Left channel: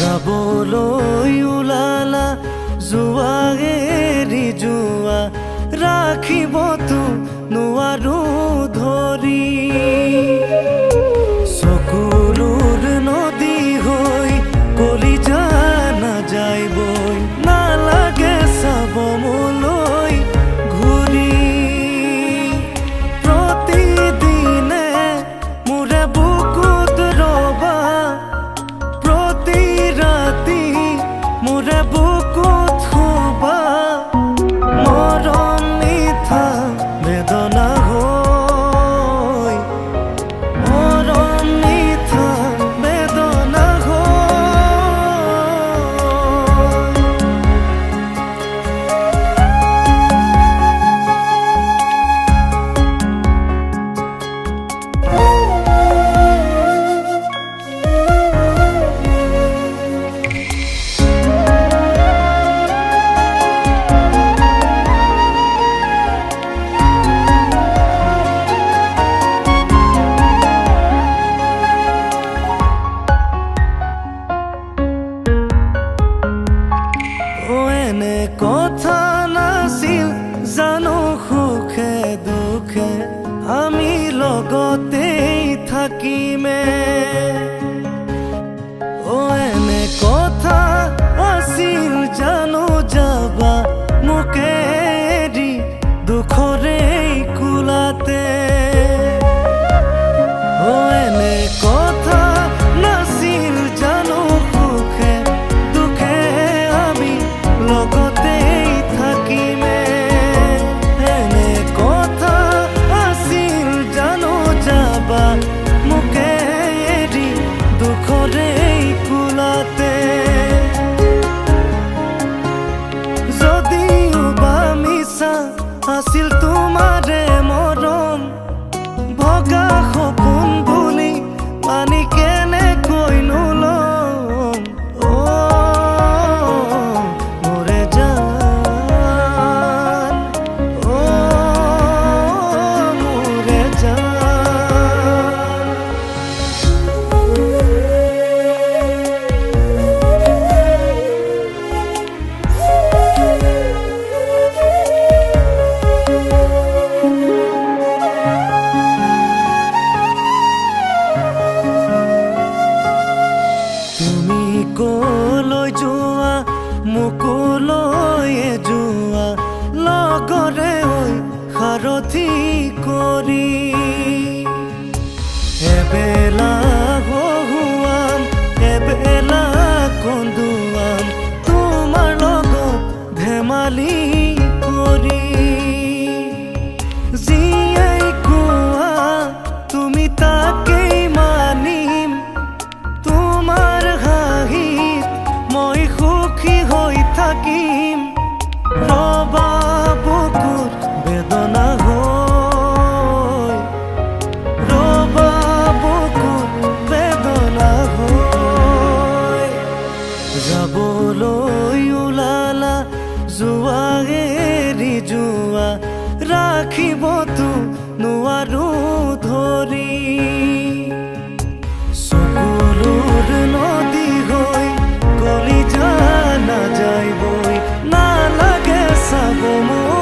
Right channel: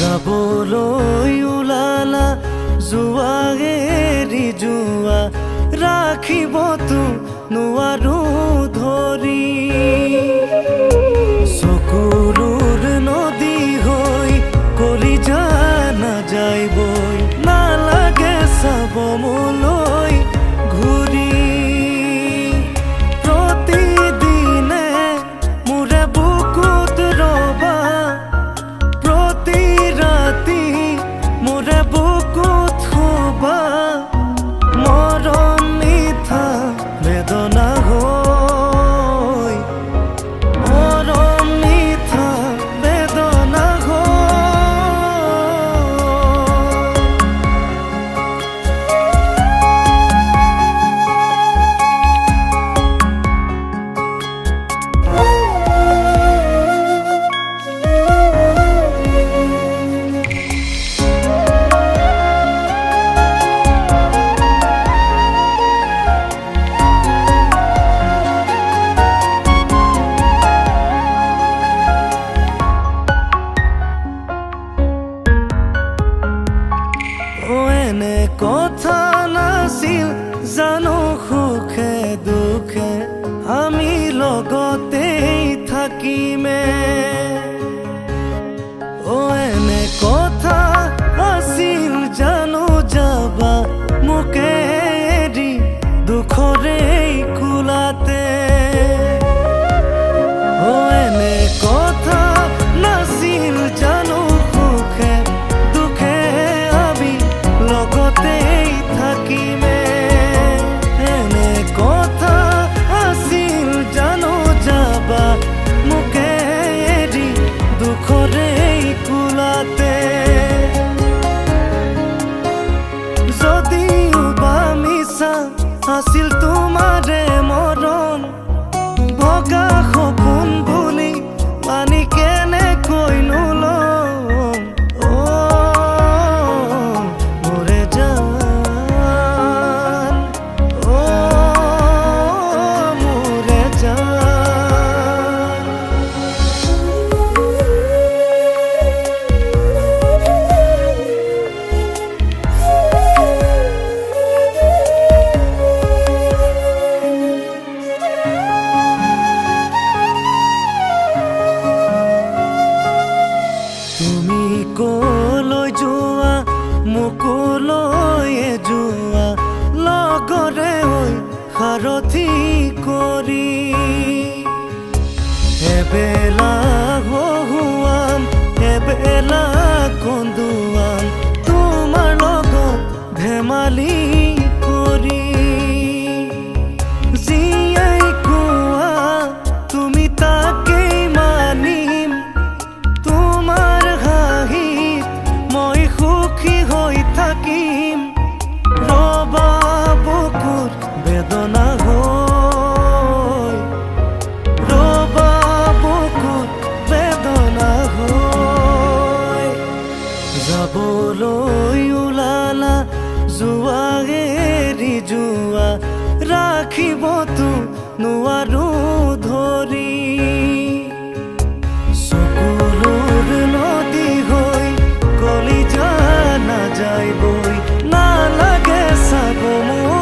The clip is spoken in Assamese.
যাবলৈ ওলালা যোৱা এৰি যোৱা ৰাখিবতো নোৱাৰো ধৰি চকুৰৰ নদী হৈ কলিজা নাযায় বৈ নালাগে চাব মোলৈ ঘূৰি প্ৰতিদিনে মোৰে বুকুত ৰবা প্ৰতি ৰাতি মোৰে বুকুত শুবা মৰম মিঠা বেদনা হৈ মৰম মিঠা বেদনা হৈ এনে কথা নাছিল জানো সুখে দুখে আমি লগতেই থাকিমে এনে কথা আছিল জানো যাবা মোকে এৰি দুখৰে কোলাতে এনে কথা নাছিল জানো সুখে দুখে আমি লগতেই থাকিমে এনে কথা আছিল জানো যাবা মোকে এৰি দুখৰে কোলাতে যদিও বা মিছা আছিল তোমাৰে মৰম ভগা সপোন বুলি মানি কেনেকৈ নলম মোৰে জান মোৰে জান তুমি কলৈ যোৱা মোকো লৈ যোৱা লগৰে হৈ সাৰথি কৰি এবেলা হহুৱাম এবেলা কন্দুৱাম তোমাৰ লগত ধেমালি কৰি জীয়াই কোৱা তুমি তাকেই মানিম তোমাৰ হাঁহিত মই সুখী হৈ থাকিম ৰবা বুকুৰ বেদনা হৈ ৰবা বুকুৰ বেদনা হৈ যাবলৈ ওলালা যোৱা এৰি যোৱা ৰাখিবতো নোৱাৰো ধৰি চকুৰৰ নদী হৈ কলিজা নাযায় বৈ নালাগে চাব মোৰ